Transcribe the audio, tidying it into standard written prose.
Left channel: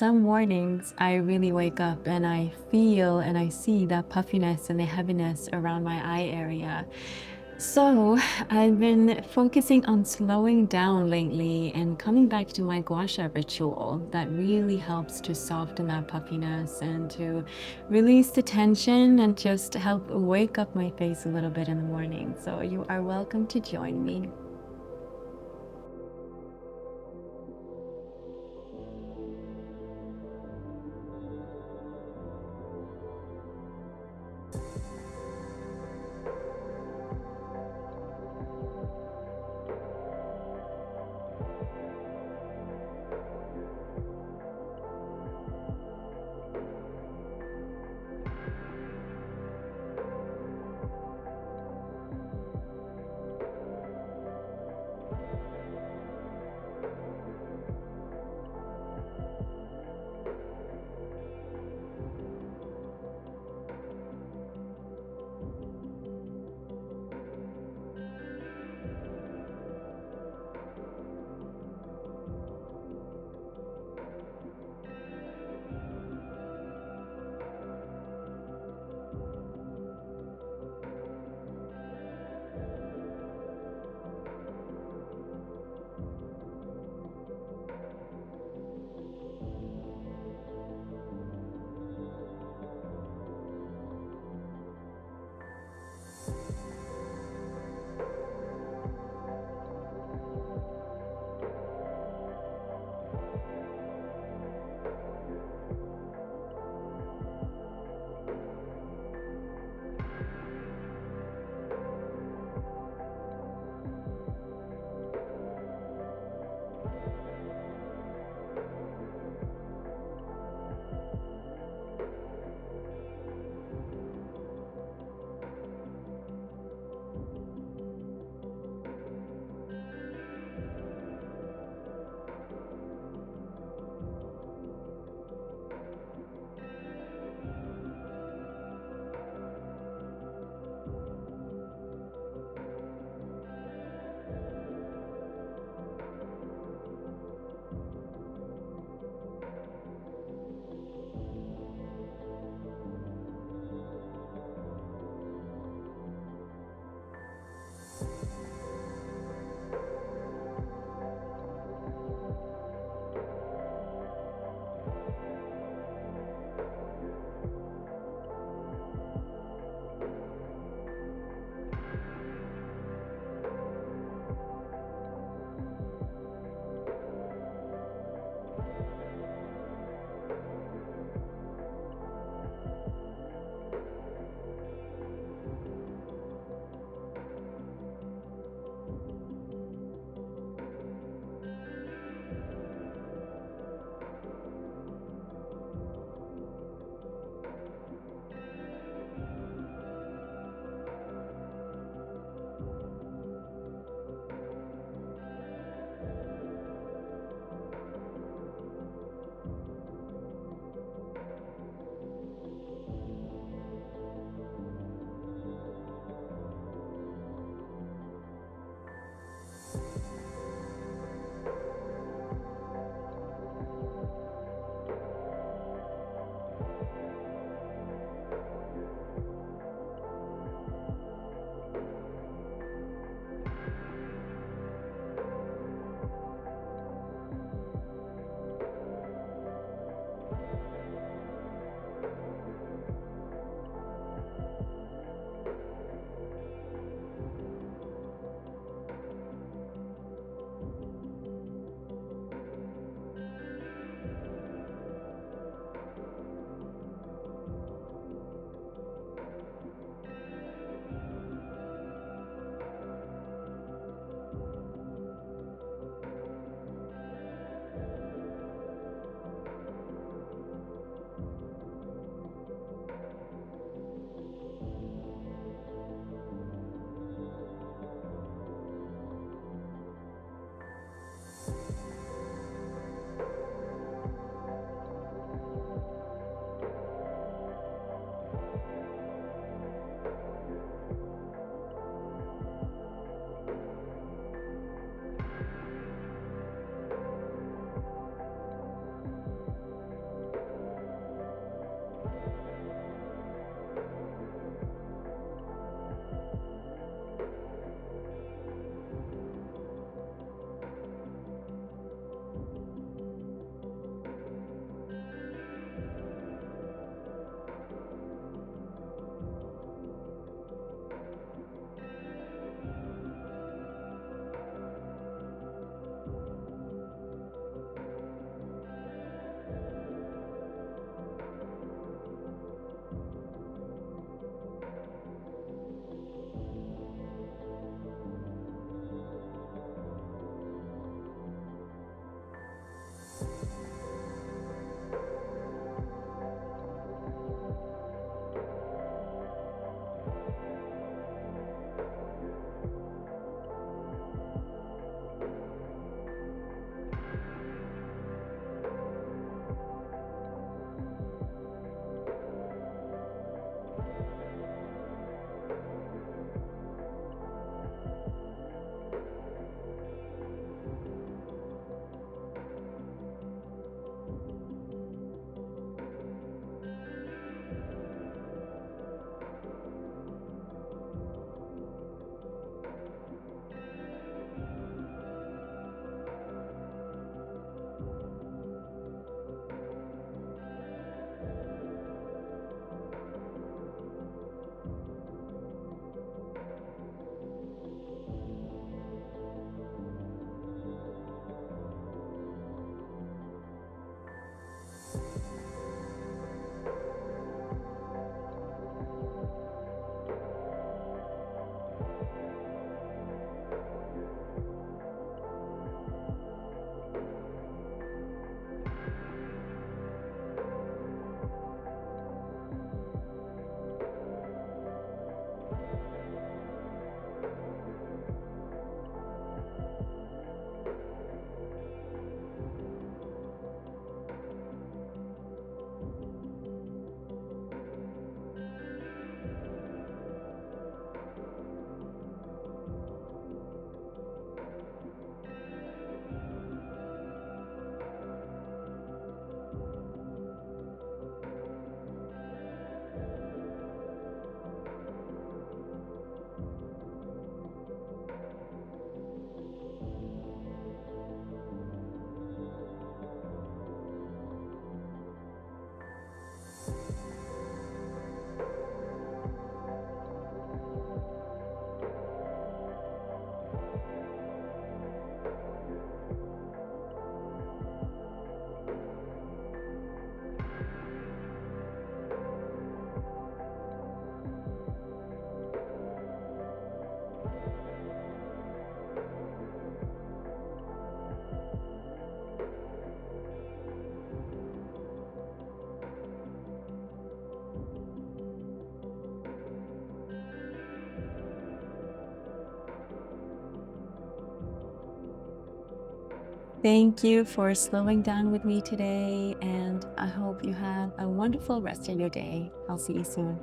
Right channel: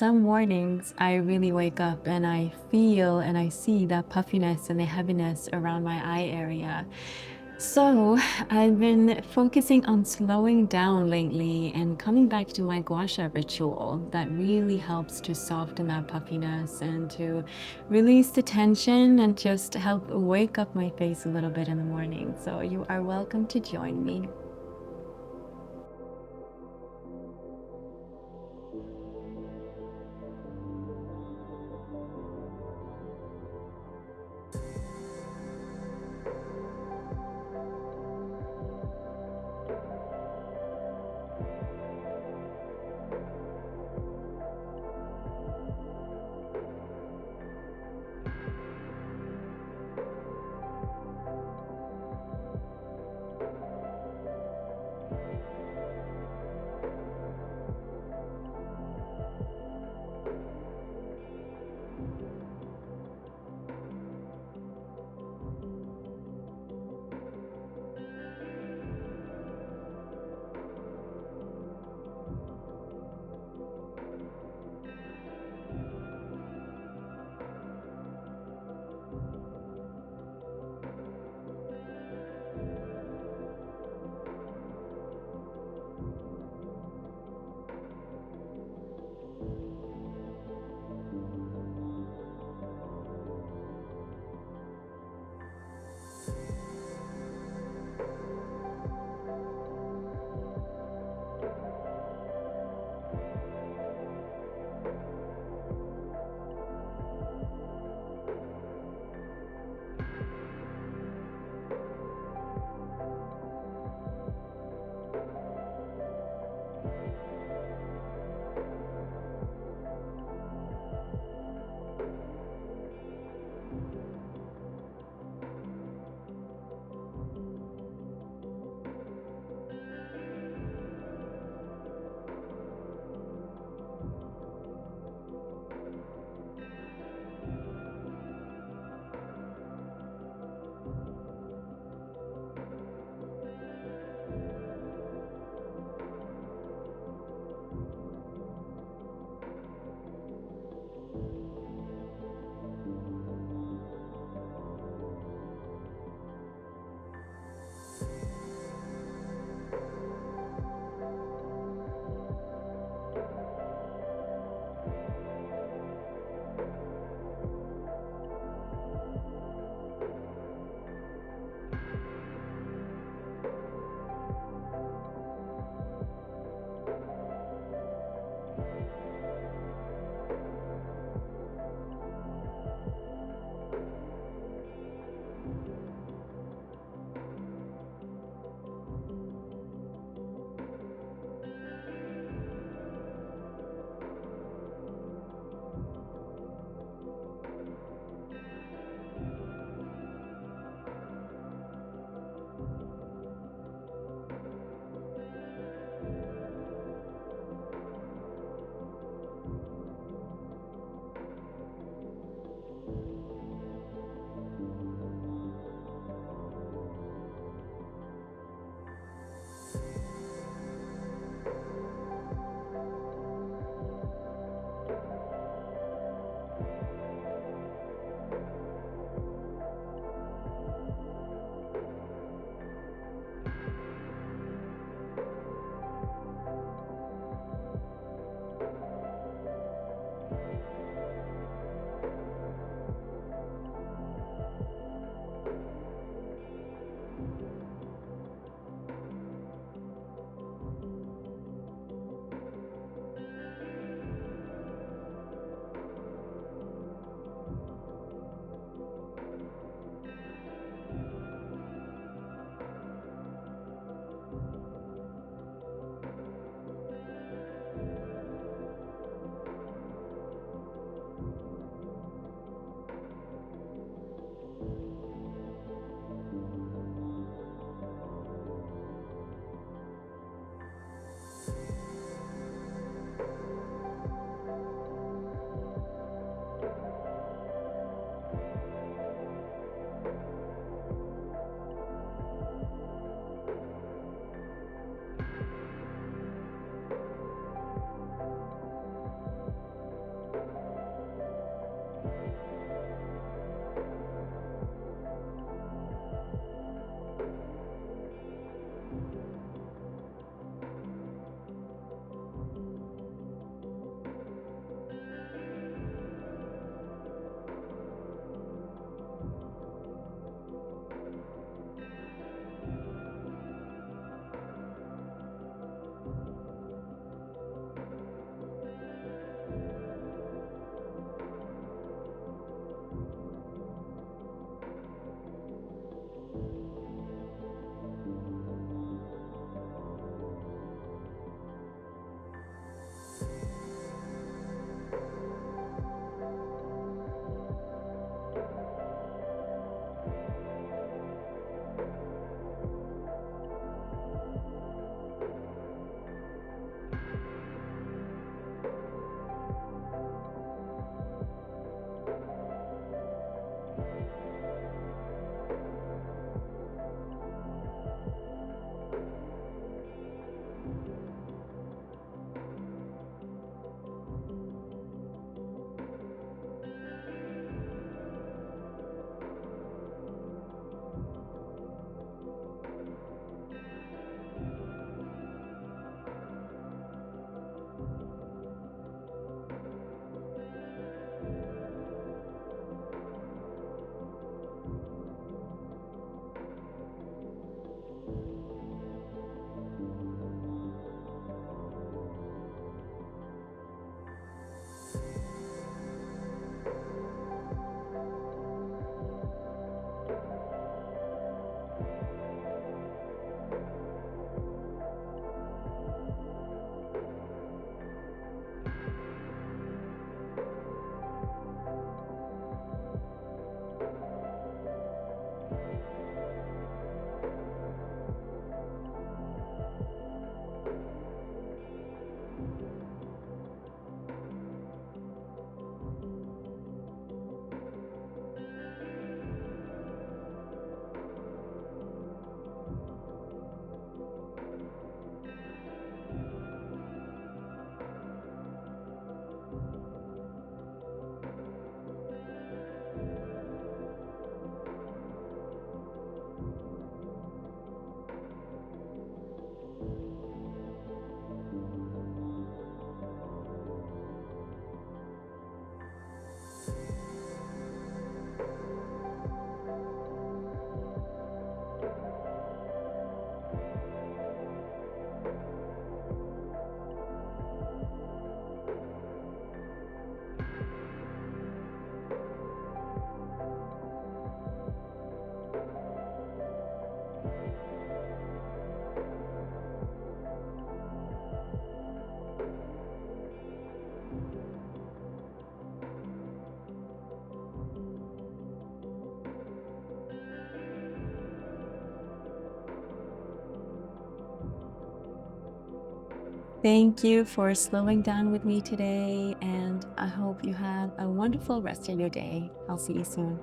some mornings I really wake up and I feel and I see that puffiness and the heaviness around my eye area. So I've been focusing on slowing down lately and coming back to my Gua Sha ritual that really helps to soften that puffiness and to release the tension and just help wake up my face a little bit in the morning. So you are welcome to join me. Thank you for slowing down with me today, and I hope you have a wonderful rest of your day. I'll see you soon.